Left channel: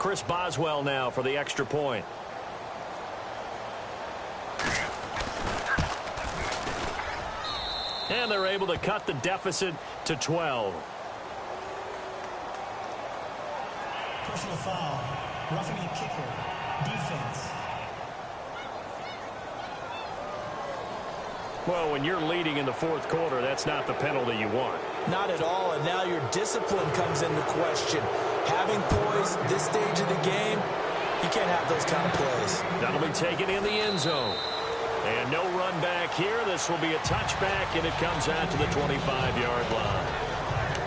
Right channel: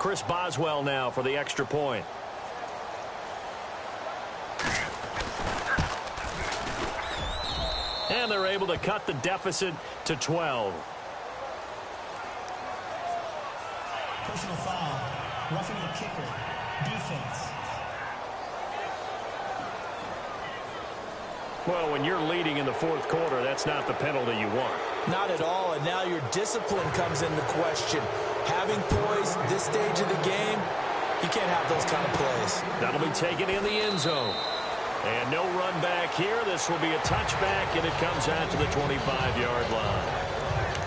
Chris Boswell now for the extra point. And they're able to cut the deficit to 12. Personal foul. Roughing a kicker. Defense. Well, when you're leading in the fourth quarter, that's not the penalty you want. Not at all, and now your discipline comes into question. Having poise this stage of the game, you can't have those kind of plays. That'll be taken in the end zone. And no run back here. This will be a touchback, and it comes out to the 25-yard line.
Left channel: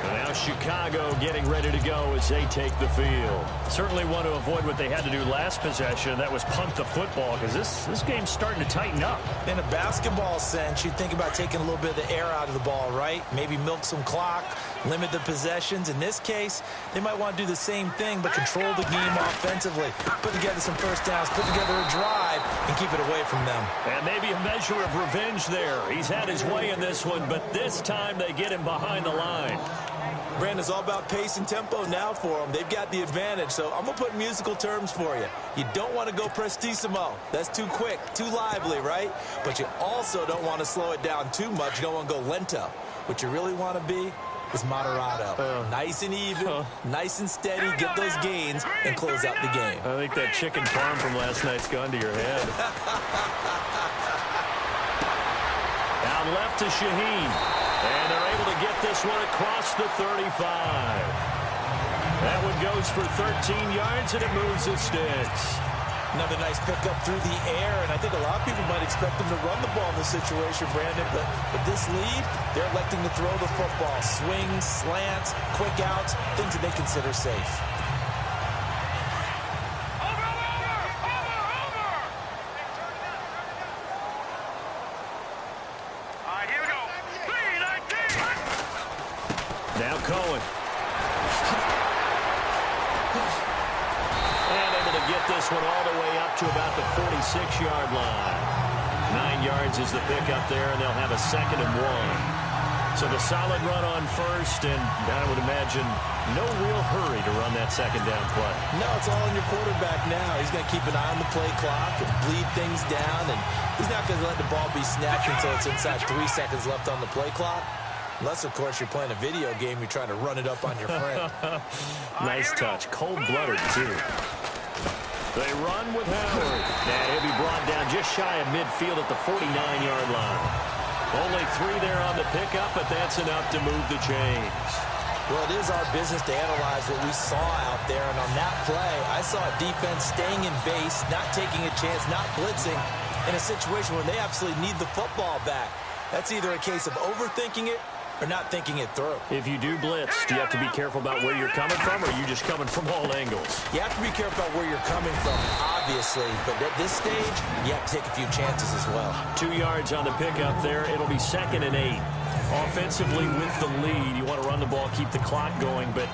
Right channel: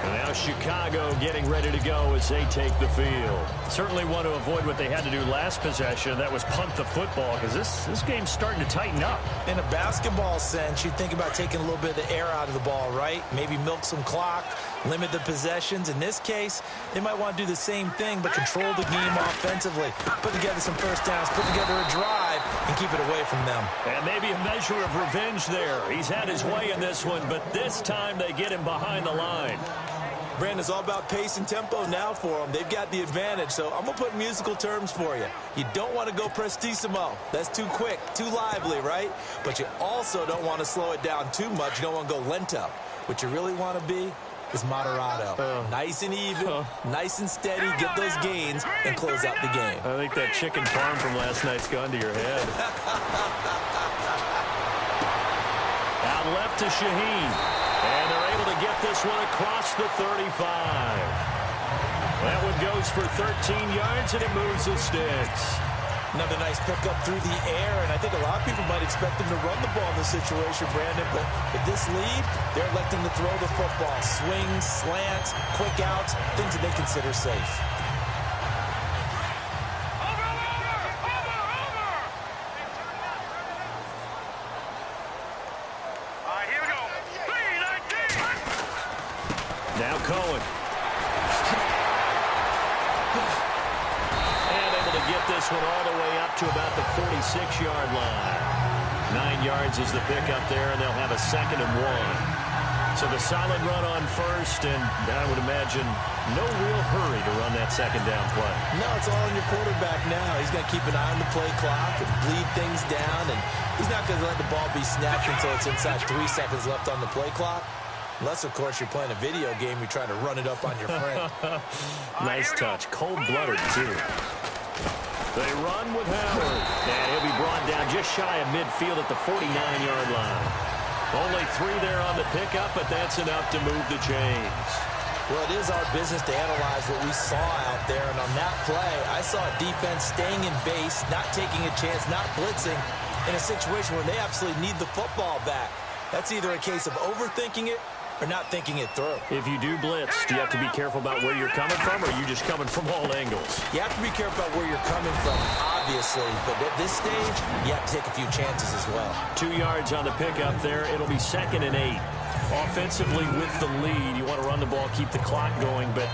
And now Chicago getting ready to go as they take the field. Certainly want to avoid what they had to do last possession. That was punt the football, because this game's starting to tighten up. In a basketball sense, you think about taking a little bit of the air out of the ball, right? Maybe milk some clock, limit the possessions. In this case, they might want to do the same thing, but control the game offensively. Put together some first downs, put together a drive, and keep it away from them. And maybe a measure of revenge there. He's had his way in this one, but this time they get him behind the line. Brandon, it's all about pace and tempo now for them. They've got the advantage, so I'm going to put musical terms for you. You don't want to go prestissimo. That's too quick, too lively, right? But you also don't want to slow it down too much. You don't want to go lento. What you really want to be is moderato. Nice and even, nice and steady, get those gains, and close out the game. I think that chicken parm from last night's gone to your head. Out left to Shaheen. And they're able to get this one across the 35. That one goes for 13 yards, and it moves the sticks. Another nice pickup through the air, and I think a lot of people might expect them to run the ball in this situation, Brandon, but with this lead, they're electing to throw the football. Swings, slants, quick outs, things that they consider safe. Now Cohen. And able to get this one all the way up to about the 46-yard line. 9 yards is the pickup there, and they'll have a 2nd and 1. So the solid run on first, and I would imagine no real hurry to run that 2nd down play. No, it's all on your quarterback now. He's going to keep an eye on the play clock and bleed things down, and he's not going to let the ball be snapped until it's inside 3 seconds left on the play clock. Unless, of course, you're playing a video game, you're trying to run it up on your friend. Nice touch. Cold-blooded, too. They run with Howard. And he'll be brought down just shy of midfield at the 49-yard line. Only 3 there on the pickup, but that's enough to move the chains. Well, it is our business to analyze what we saw out there. And on that play, I saw a defense staying in base, not taking a chance, not blitzing, in a situation where they absolutely need the football back. That's either a case of overthinking it or not thinking it through. If you do blitz, do you have to be careful about where you're coming from, or are you just coming from all angles? You have to be careful about where you're coming from, obviously, but at this stage, you have to take a few chances as well. 2 yards on the pickup there. It'll be 2nd and 8. Offensively with the lead, you want to run the ball, keep the clock going, but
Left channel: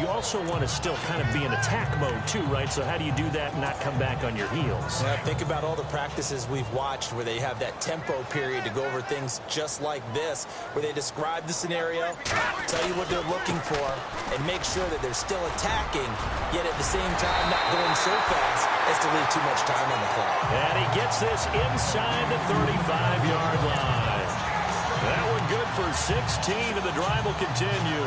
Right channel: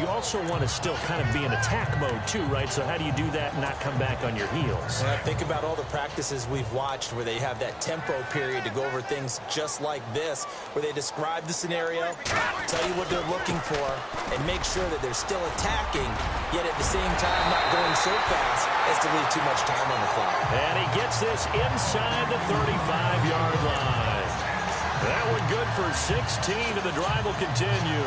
you also want to still kind of be in attack mode too, right? So how do you do that and not come back on your heels? Yeah, think about all the practices we've watched where they have that tempo period to go over things just like this, where they describe the scenario, tell you what they're looking for, and make sure that they're still attacking, yet at the same time not going so fast as to leave too much time on the clock. And he gets this inside the 35-yard line. That one good for 16, and the drive will continue.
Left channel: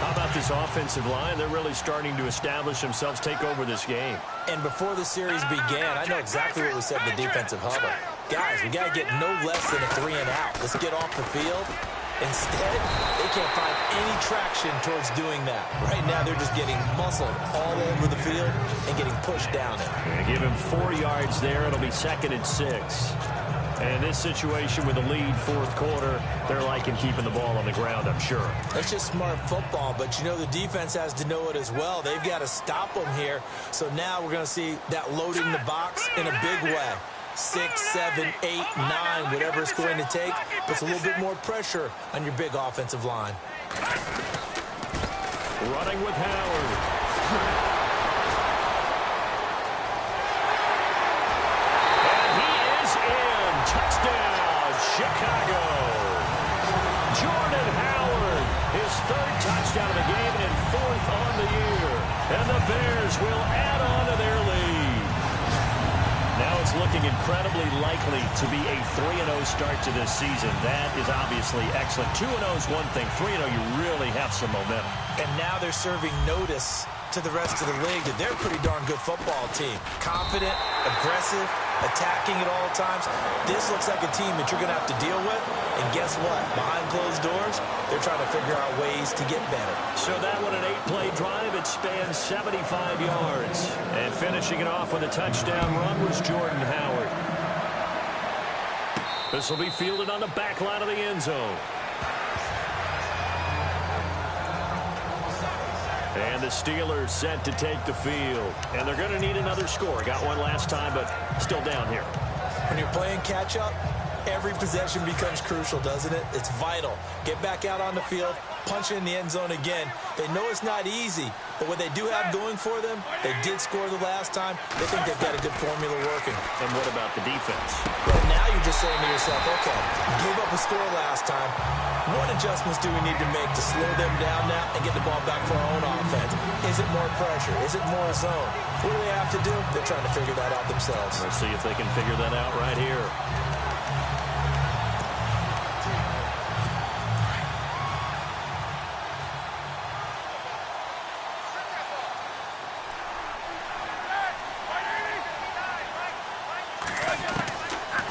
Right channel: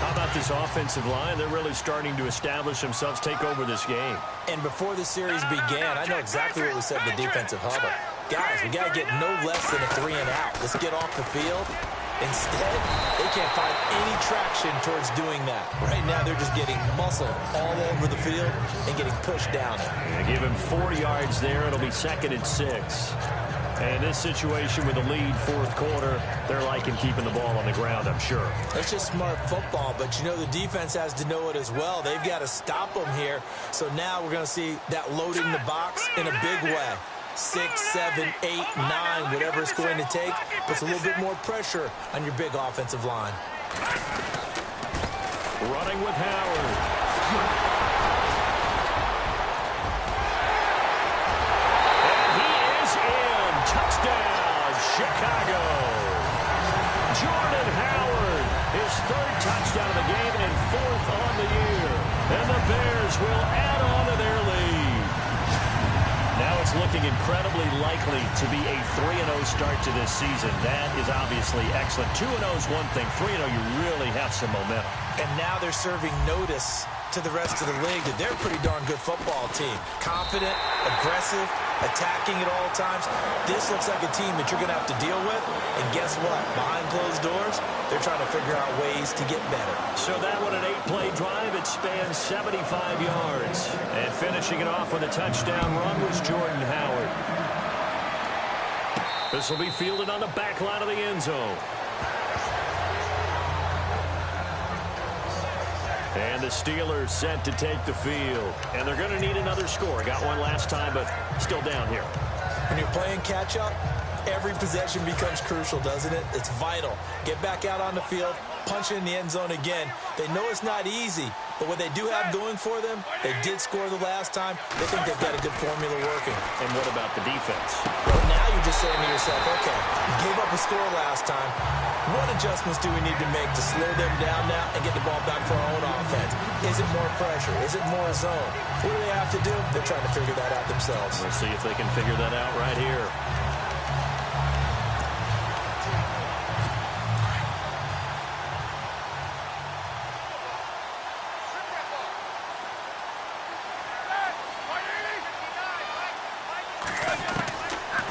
How about this offensive line? They're really starting to establish themselves, take over this game. And before the series began, I know exactly what we said in the defensive huddle. Guys, we got to get no less than a 3 and out. Let's get off the field. Instead, they can't find any traction towards doing that. Right now, they're just getting muscled all over the field and getting pushed down it. Yeah, give him 4 yards there. It'll be 2nd and 6. And in this situation with the lead, fourth quarter, they're liking keeping the ball on the ground, I'm sure. That's just smart football, but you know the defense has to know it as well. They've got to stop them here. So now we're going to see that loading the box in a big way. 6, 7, 8, 9, whatever it's going to take, puts a little bit more pressure on your big offensive line. Running with Howard. Touchdown, Chicago. Jordan Howard, his 3rd touchdown of the game and 4th on the year. And the Bears will add on to their lead. Now it's looking incredibly likely to be a 3-0 start to this season. That is obviously excellent. 2-0 is one thing. 3-0, you really have some momentum. And now they're serving notice to the rest of the league that they're a pretty darn good football team. Confident, aggressive, attacking at all times. This looks like a team that you're going to have to deal with. And guess what? Behind closed doors, they're trying to figure out ways to get better. So that one, an 8-play drive. It spans 75 yards. And finishing it off with a touchdown run was Jordan Howard. This will be fielded on the back line of the end zone. And the Steelers set to take the field. And they're going to need another score. Got one last time, but still down here. When you're playing catch-up, every possession becomes crucial, doesn't it? It's vital. Get back out on the field, punch it in the end zone again. They know it's not easy, but what they do have going for them, they did score the last time. They think they've got a good formula working. And what about the defense? Well, now you're just saying to yourself, okay, gave up a score last time. What adjustments do we need to make to slow them down now and get the ball back for our own offense? Is it more pressure? Is it more zone? What do they have to do? They're trying to figure that out themselves. We'll see if they can figure that out right here.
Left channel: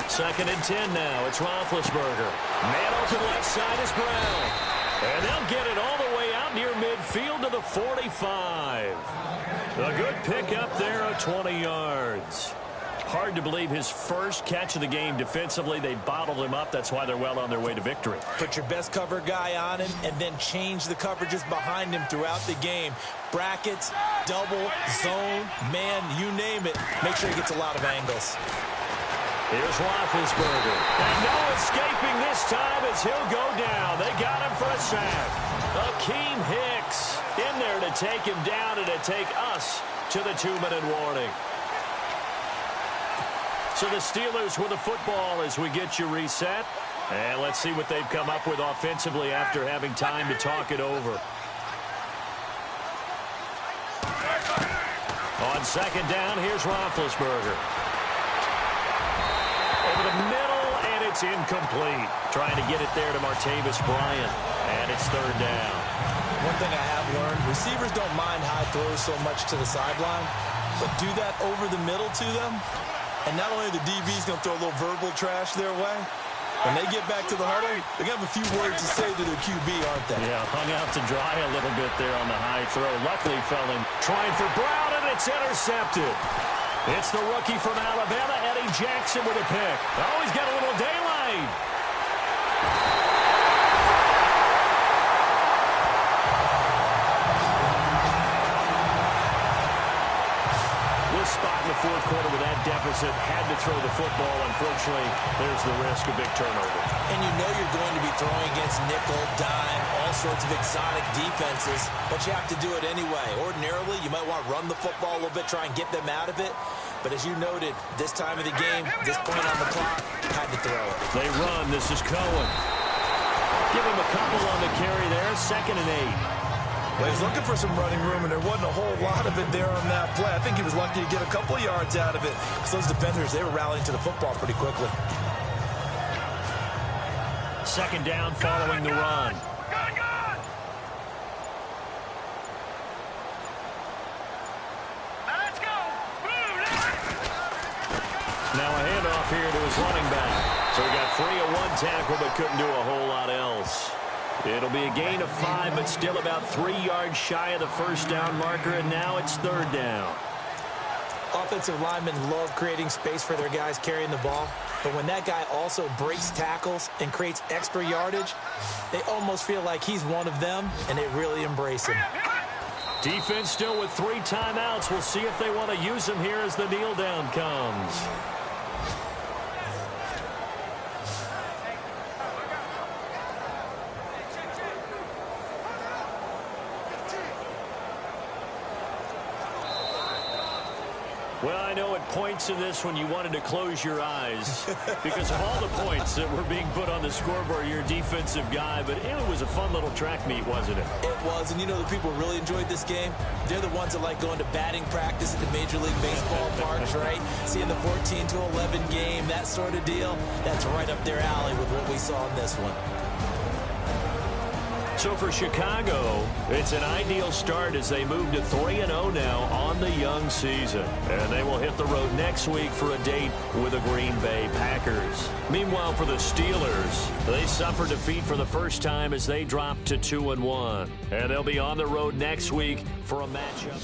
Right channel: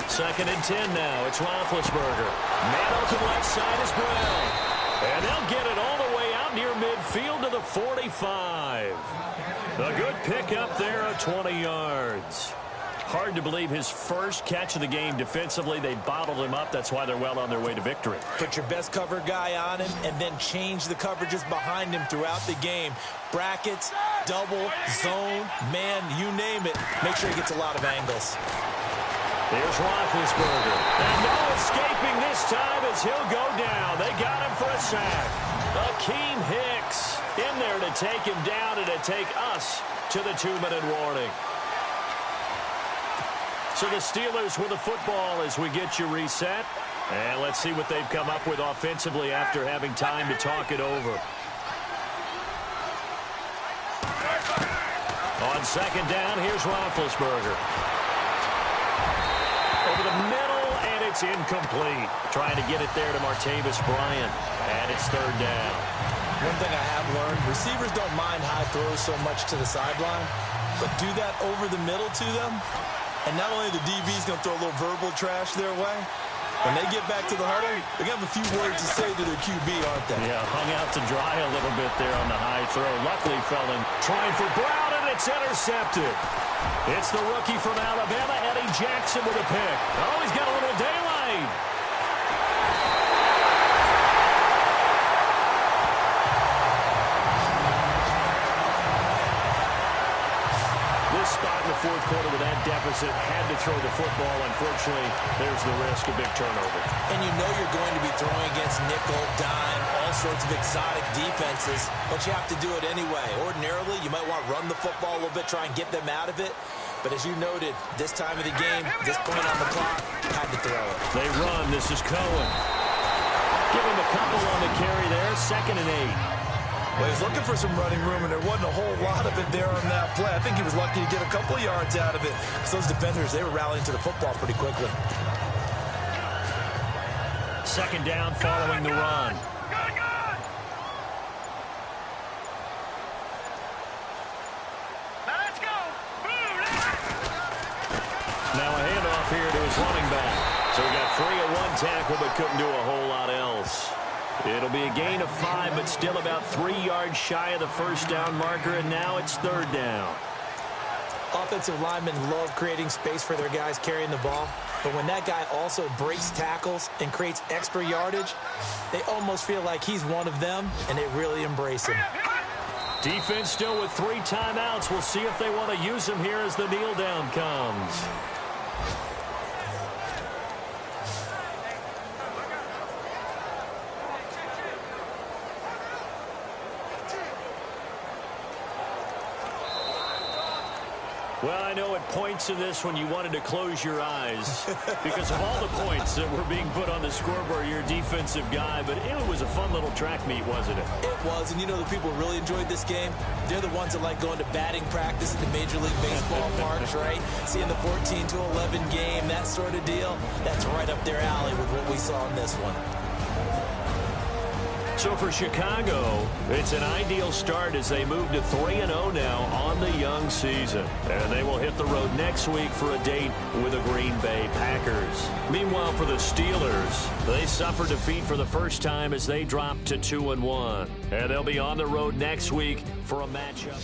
Second and 10 now. It's Roethlisberger. Man open left side is Brown. And they'll get it all the way out near midfield to the 45. A good pickup there of 20 yards. Hard to believe his first catch of the game defensively. They bottled him up. That's why they're well on their way to victory. Put your best cover guy on him and then change the coverages behind him throughout the game. Brackets, double, zone, man, you name it. Make sure he gets a lot of angles. Here's Roethlisberger. And no escaping this time as he'll go down. They got him for a sack. Akeem Hicks in there to take him down and to take us to the 2-minute warning. So the Steelers with the football as we get you reset. And let's see what they've come up with offensively after having time to talk it over. On second down, here's Roethlisberger. Over the middle, and it's incomplete. Trying to get it there to Martavis Bryant. And it's third down. One thing I have learned, receivers don't mind high throws so much to the sideline, but do that over the middle to them, and not only the DB's going to throw a little verbal trash their way, when they get back to the huddle, they're going to have a few words to say to their QB, aren't they? Yeah, hung out to dry a little bit there on the high throw. Luckily fell in. Trying for Brown, and it's intercepted. It's the rookie from Alabama, Eddie Jackson, with a pick. Oh, he's got a little daylight. This spot in the fourth quarter with that deficit, had to throw the football. Unfortunately, there's the risk of big turnover. And you know you're going to be throwing against nickel, dime, all sorts of exotic defenses, but you have to do it anyway. Ordinarily, you might want to run the football a little bit, try and get them out of it. But as you noted, this time of the game, this point on the clock, had to throw it. They run. This is Cohen. Give him a couple on the carry there. 2nd and 8. Well, he's looking for some running room, and there wasn't a whole lot of it there on that play. I think he was lucky to get a couple of yards out of it, because those defenders, they were rallying to the football pretty quickly. Second down following the run. Now a handoff here to his running back. So he got free of one tackle, but couldn't do a whole lot else. It'll be a gain of 5, but still about 3 yards shy of the first down marker, and now it's third down. Offensive linemen love creating space for their guys carrying the ball, but when that guy also breaks tackles and creates extra yardage, they almost feel like he's one of them, and they really embrace him. Defense still with 3 timeouts. We'll see if they want to use them here as the kneel down comes. Well, I know at points in this when you wanted to close your eyes because of all the points that were being put on the scoreboard, you're a defensive guy, but it was a fun little track meet, wasn't it? It was, and you know the people who really enjoyed this game? They're the ones that like going to batting practice at the Major League Baseball parks, right? Seeing the 14 to 11 game, that sort of deal. That's right up their alley with what we saw in this one. So for Chicago, it's an ideal start as they move to 3-0 now on the young season. And they will hit the road next week for a date with the Green Bay Packers. Meanwhile, for the Steelers, they suffered defeat for the first time as they dropped to 2-1. And they'll be on the road next week for a matchup.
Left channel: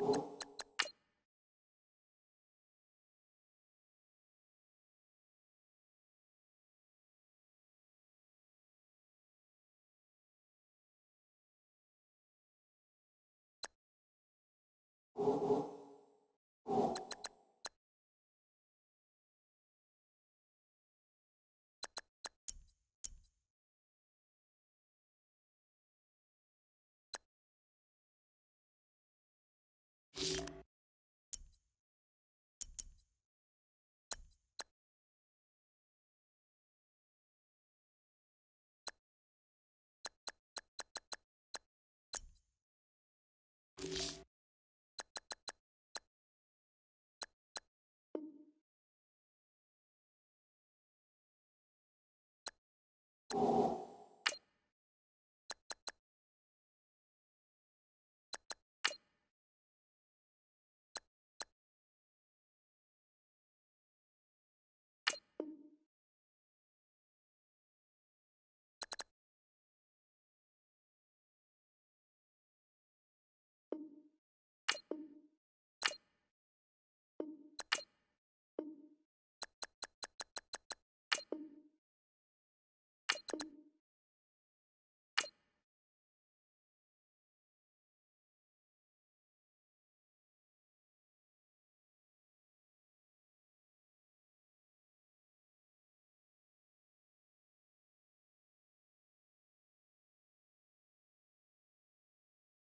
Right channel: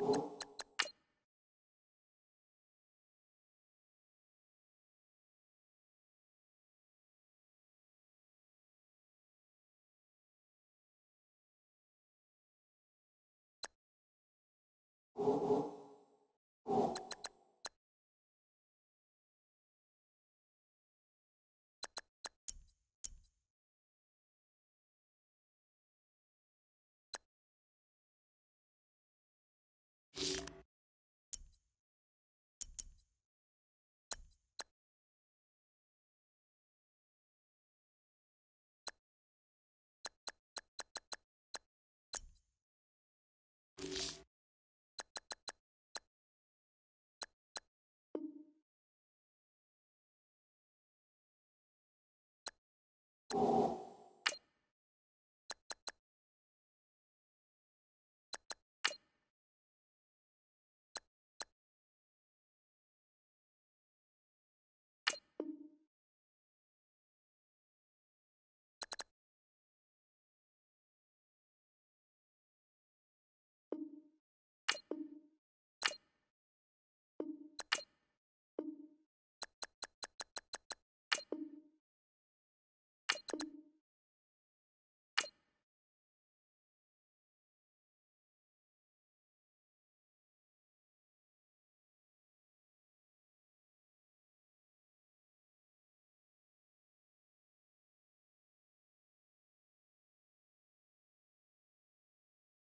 you.